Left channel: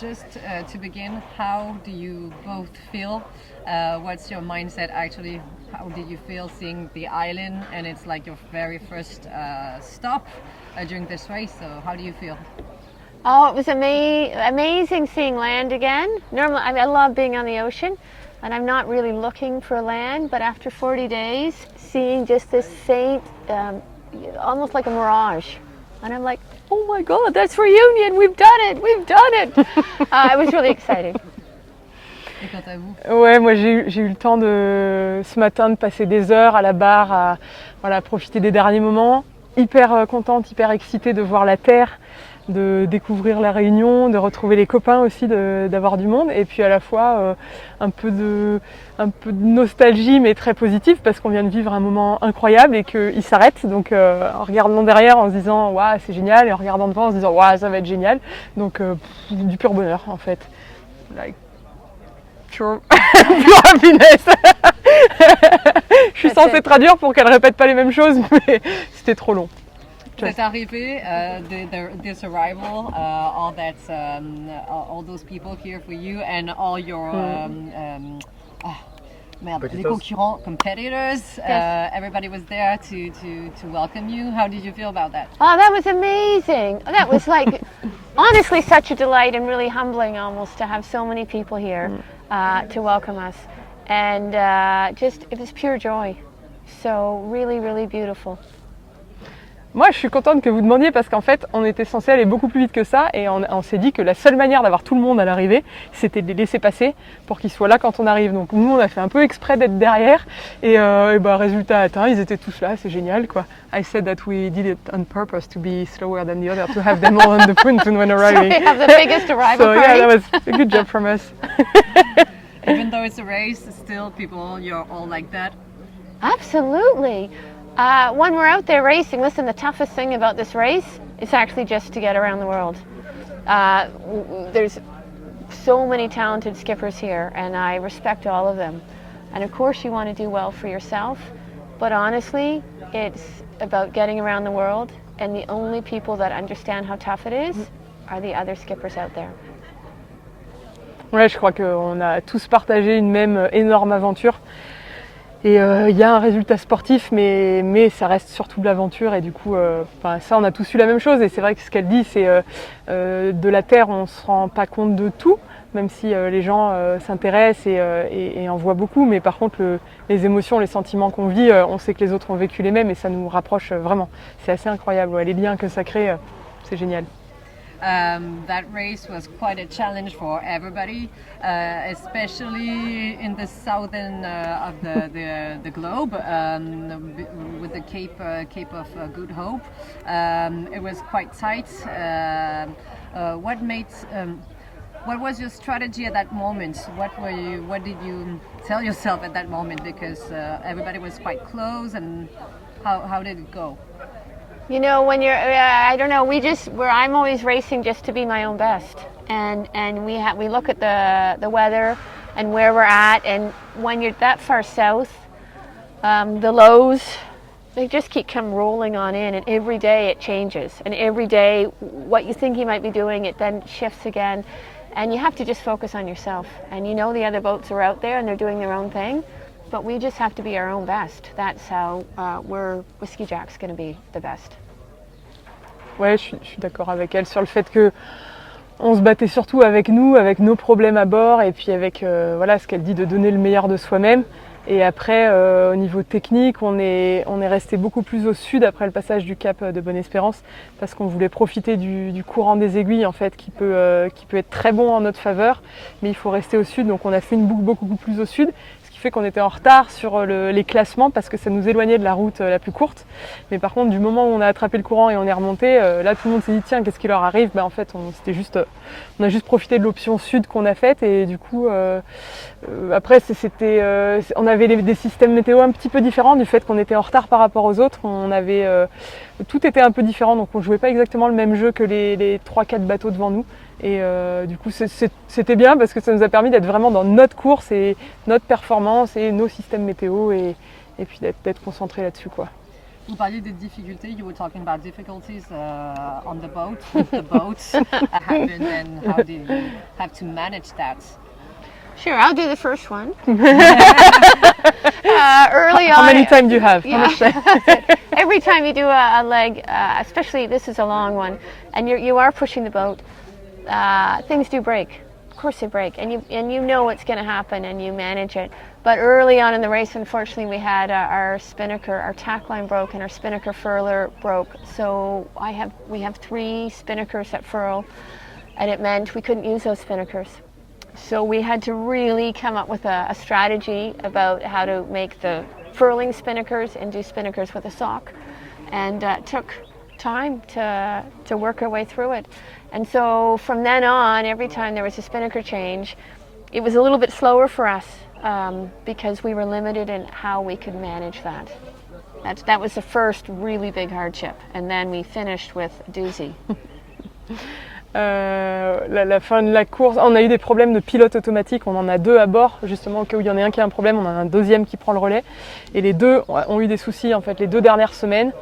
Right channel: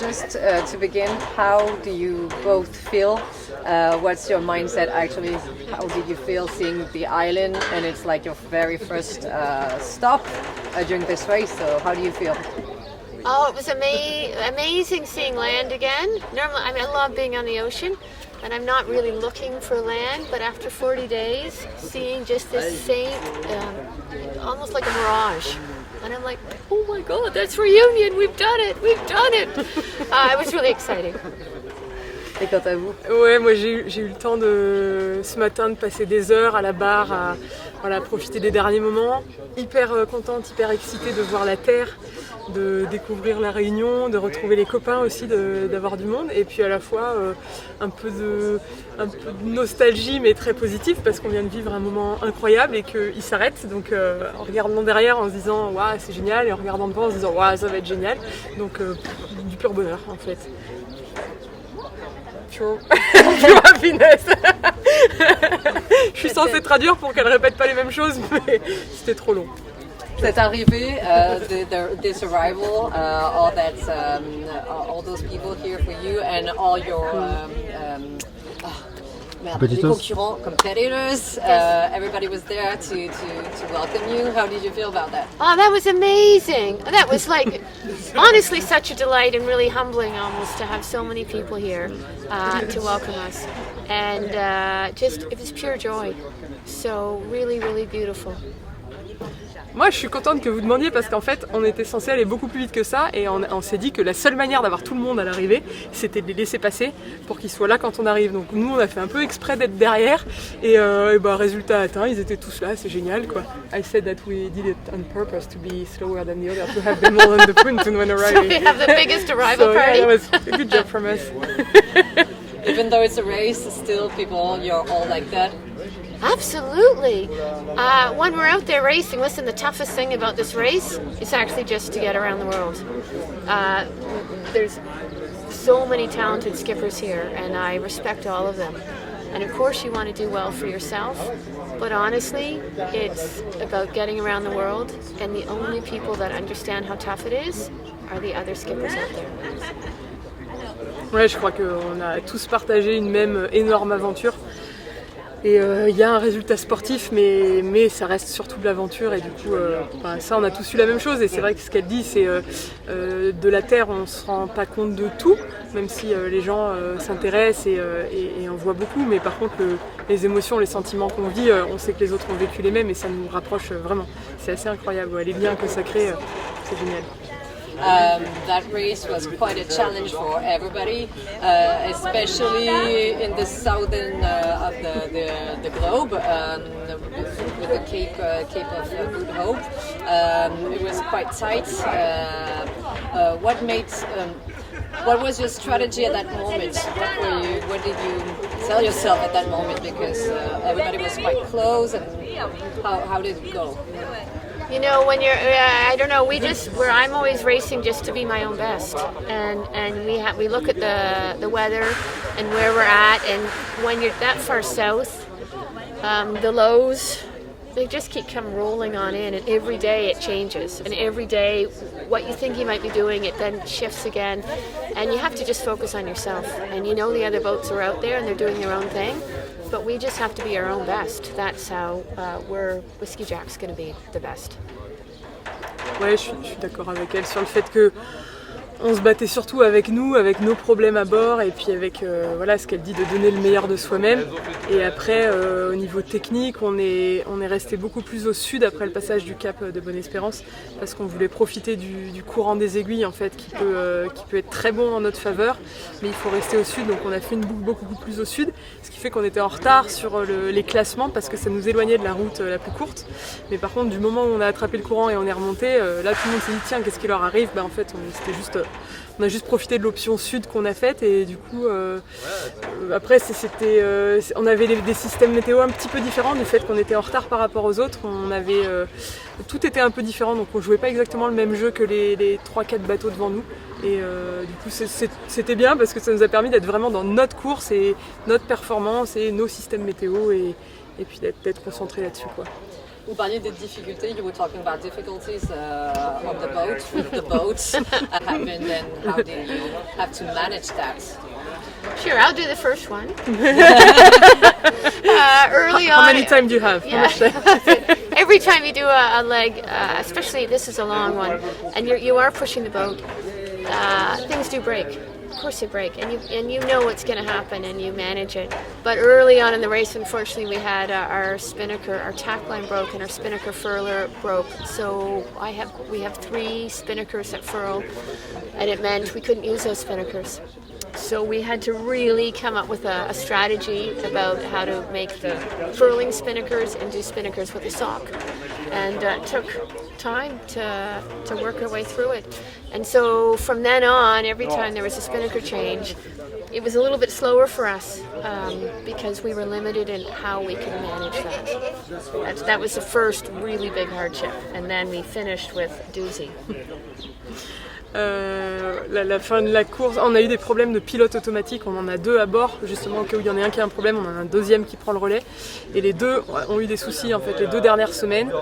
Just to begin, how do you both feel? What's your mindset actually? How did you feel seeing the island and it's like your very first stop during this race? So how do you feel? Oh, it was amazing seeing land again. Normally, I love being on the ocean, and I'm not really looking for land, but after 40 days, seeing just this same, almost like a mirage. And I'm like, oh my God, that's reunion, we've done it. It was really exciting. Et quant à vous? Ouais, moi j'ai eu le temps ce matin de passer des heures à la barre, à profiter des derniers moments. Hyper contente, hyper excitée de voir la terre, de découvrir la Réunion, de retrouver les copains aussi, d'avoir du monde. Et puis à la fois un peu de nostalgie, mais très positive, parce qu'on vient de vivre un moment incroyable et qu'il s'arrête. Donc en regardant derrière, en se disant « Waouh, c'est génial », et en regardant devant, en se disant « Waouh, ça va être génial ». Donc du pur bonheur en fait. Pure happiness. Je suis censée traduire pour qu'elle répète pas les mêmes choses, mais c'était trop long. Cette arrivée, this arrival, all those people here for you and all your les concurrents, competitors, everybody was there to welcome you. How did you feel about that? Oh, that was amazing. That was like, honestly, such a delight and really humbling almost to have so many people here to welcome us. And it was pure joy. So really, really beautiful. Moi, je suis contente que vous demandiez parce qu'en fait, on était censé aller beaucoup plus vite que ça et on s'est dit que la seule manière d'avoir tout le monde à l'arrivée, c'était de les laisser passer pour qu'ils soient là quand on arrive. Donc nous, on a fait un peu exprès d'être derrière et résultat atteint, ils étaient tous là, c'est génial quoi. I said that we did it on purpose to be slower than the other, to have them all on the print when arriving. So we have the biggest arrival party. Yeah, that was a good job from us. Even though it's a race, still people, you're all like that. Absolutely. When we're out there racing, listen, the toughest thing about this race is actually just to get around the world. There's so many talented skippers here, and I respect all of them. And of course, you want to do well for yourself, but honestly, it's about getting around the world, and the only people that understand how tough it is are the other skippers out there. Ouais, je crois qu'on a tous partagé une même énorme aventure. Et il y a un résultat sportif, mais ça reste surtout de l'aventure. Et du coup, ça, on a tous eu la même chose. Et c'est vrai que ce qu'elle dit, c'est de la Terre, on ne se rend pas compte de tout, même si les gens s'intéressent et en voient beaucoup. Mais par contre, les émotions, les sentiments qu'on vit, on sait que les autres ont vécu les mêmes et ça nous rapproche vraiment. C'est assez incroyable. Ouais, les liens que ça crée, c'est génial. That race was quite a challenge for everybody, especially in the southern of the globe, with the Cape of Good Hope. It was quite tight. What was your strategy at that moment? What did you tell yourself at that moment? Because everybody was quite close, and how did it go? You know, when you're, I don't know, I'm always racing just to be my own best. And we look at the weather and where we're at, and when you're that far south, the lows, they just come rolling on in, and every day it changes. And every day, what you think you might be doing, it then shifts again. And you have to just focus on yourself. And you know the other boats are out there and they're doing their own thing. But we just have to be our own best. That's how Whiskey Jack's going to be the best. Ouais, je suis d'accord avec elle sur le fait que on se battait surtout avec nous, avec nos problèmes à bord et puis avec ce qu'elle dit de donner le meilleur de soi-même. Et après, au niveau technique, on est resté beaucoup plus au sud après le passage du cap de Bonne-Espérance parce qu'on voulait profiter du courant des aiguilles en fait qui peut être très bon en notre faveur, mais il faut rester au sud. Donc on a fait une boucle beaucoup plus au sud, ce qui fait qu'on était en retard sur les classements parce que ça nous éloignait de la route la plus courte. Mais par contre, du moment où on a attrapé le courant et on est remonté, là tout le monde s'est dit tiens, qu'est-ce qui leur arrive ? En fait, on a juste profité de l'option sud qu'on a faite et du coup après on avait des systèmes météo un petit peu différents du fait qu'on était en retard par rapport aux autres. Tout était un peu différent, donc on jouait pas exactement le même jeu que les 3-4 bateaux devant nous. Et du coup c'était bien parce que ça nous a permis d'être vraiment dans notre course et notre performance et nos systèmes météo et puis d'être concentrés là-dessus quoi. Vous parliez des difficultés. You were talking about difficulties on the boat, with the boats happened, and how did you have to manage that? Sure, I'll do the first one. Early on. How many times do you have? Yeah. Every time you do a leg, especially this is a long one, and you are pushing the boat, things do break. Of course they break, and you know what's going to happen, and you manage it. But early on in the race, unfortunately, we had our spinnaker, our tack line broke, and our spinnaker furler broke. So we have 3 spinnakers that furl, and it meant we couldn't use those spinnakers. So we had to really come up with a strategy about how to make the furling spinnakers and do spinnakers with a sock, and took time to work our way through it. And so from then on, every time there was a spinnaker change, it was a little bit slower for us because we were limited in how we could manage that. That was the first really big hardship, and then we finished with doozy. La fin de la course, on a eu des problèmes de pilote automatique, on en a 2 à bord, justement au cas où il y en a un qui a un problème, on en a un deuxième qui prend le relais, et les 2 ont eu des soucis en fait les 2 dernières semaines.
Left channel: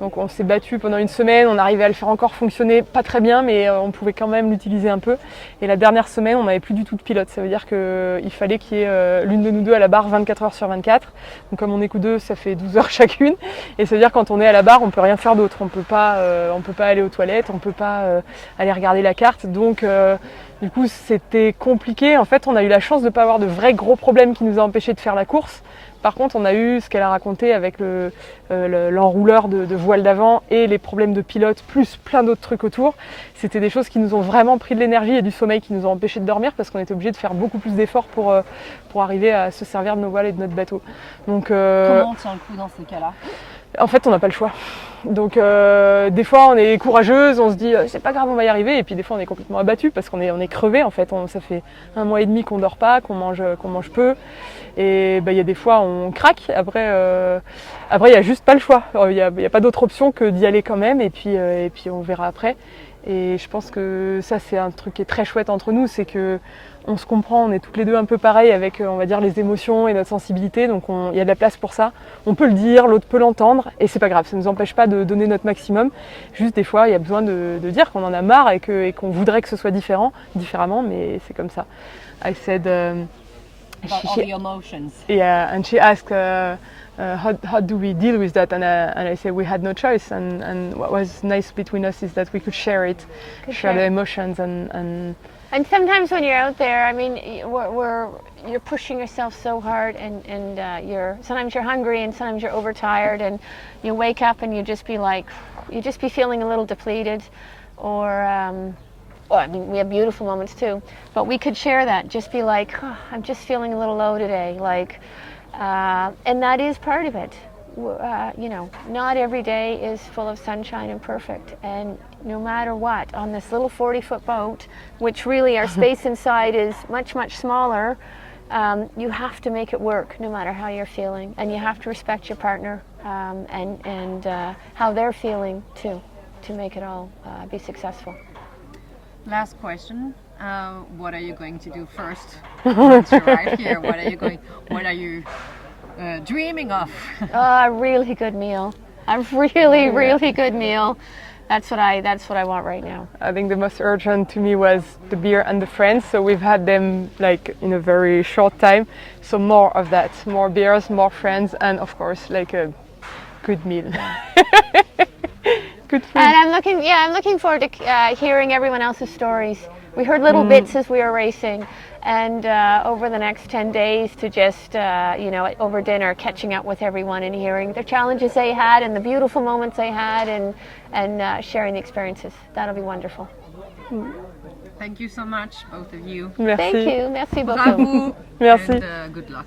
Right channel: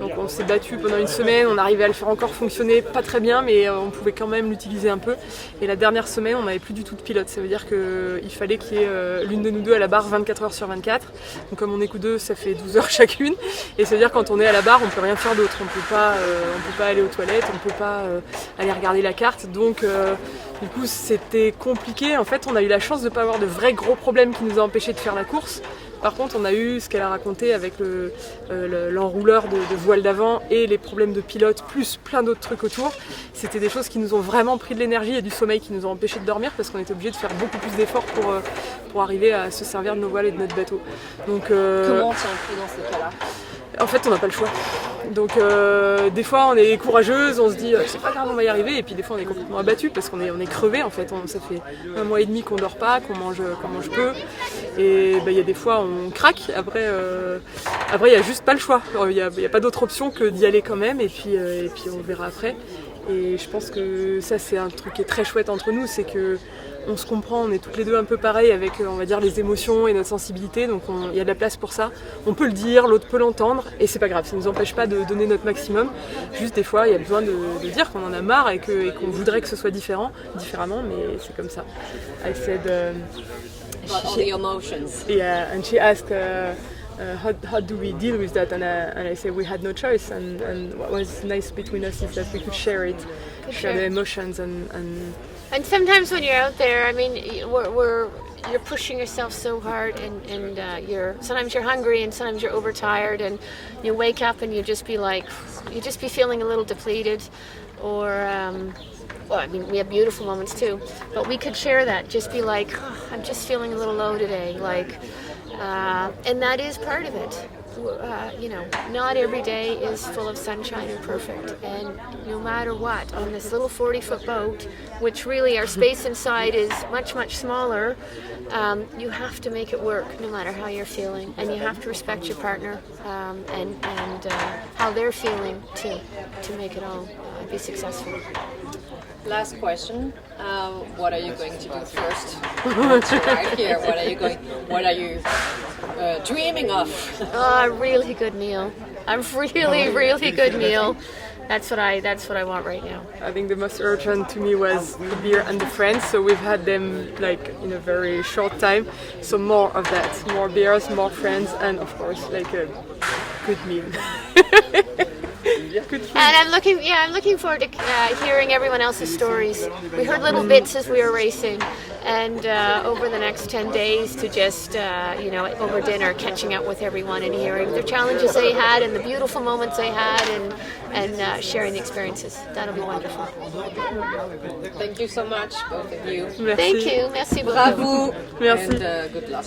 Donc on s'est battu pendant une semaine, on arrivait à le faire encore fonctionner, pas très bien, mais on pouvait quand même l'utiliser un peu. Et la dernière semaine, on n'avait plus du tout de pilote, ça veut dire qu'il fallait qu'il y ait l'une de nous 2 à la barre 24 heures sur 24. Donc comme on est que 2, ça fait 12 heures chacune, et ça veut dire que quand on est à la barre, on peut rien faire d'autre, on peut pas aller aux toilettes, on peut pas aller regarder la carte, donc du coup c'était compliqué. En fait on a eu la chance de ne pas avoir de vrais gros problèmes qui nous ont empêché de faire la course. Par contre on a eu ce qu'elle a raconté avec l'enrouleur de voile d'avant et les problèmes de pilote plus plein d'autres trucs autour. C'était des choses qui nous ont vraiment pris de l'énergie et du sommeil, qui nous ont empêché de dormir parce qu'on était obligé de faire beaucoup plus d'efforts pour arriver à se servir de nos voiles et de notre bateau. Donc, comment on tient le coup dans ces cas-là? En fait, on n'a pas le choix. Donc, des fois, on est courageuse, on se dit c'est pas grave, on va y arriver. Et puis, des fois, on est complètement abattu parce qu'on est crevé. En fait, ça fait 1 mois et demi qu'on dort pas, qu'on mange peu. Et il y a des fois, on craque. Après, il y a juste pas le choix. Il y a pas d'autre option que d'y aller quand même. Et puis, on verra après. Et je pense que ça, c'est un truc qui est très chouette entre nous, c'est que on se comprend, on est toutes les 2 un peu pareils avec, on va dire, les émotions et notre sensibilité, donc il y a de la place pour ça. On peut le dire, l'autre peut l'entendre, et c'est pas grave, ça ne nous empêche pas de donner notre maximum. Juste des fois, il y a besoin de dire qu'on en a marre et qu'on voudrait que ce soit différemment, mais c'est comme ça. I said, all the emotions. Yeah, and she asked, how do we deal with that? And I said we had no choice, and what was nice between us is that we could share the emotions And sometimes when you're out there, I mean, you're pushing yourself so hard, and sometimes you're hungry, and sometimes you're overtired, and you wake up and you just be feeling a little depleted, or well, I mean, we have beautiful moments too, but we could share that. Just be like, oh, I'm just feeling a little low today, and that is part of it. Not every day is full of sunshine and perfect, and no matter what, on this little 40-foot boat, which really our space inside is much, much smaller, you have to make it work no matter how you're feeling, and you have to respect your partner and how they're feeling to make it all be successful. Last question. What are you going to do first? Once you're right here, what are you dreaming of? A really good meal. A really good meal. That's what I want right now. I think the most urgent to me was the beer and the friends, so we've had them like in a very short time. So more of that, more beers, more friends, and of course like a good meal. Good food. And I'm looking forward to hearing everyone else's stories. We heard little bits as we were racing, and over the next 10 days to just, over dinner, catching up with everyone and hearing the challenges they had and the beautiful moments they had, and sharing the experiences. That'll be wonderful. Thank you so much, both of you. Merci. Thank you. Merci beaucoup. Bravo. Merci. And good luck.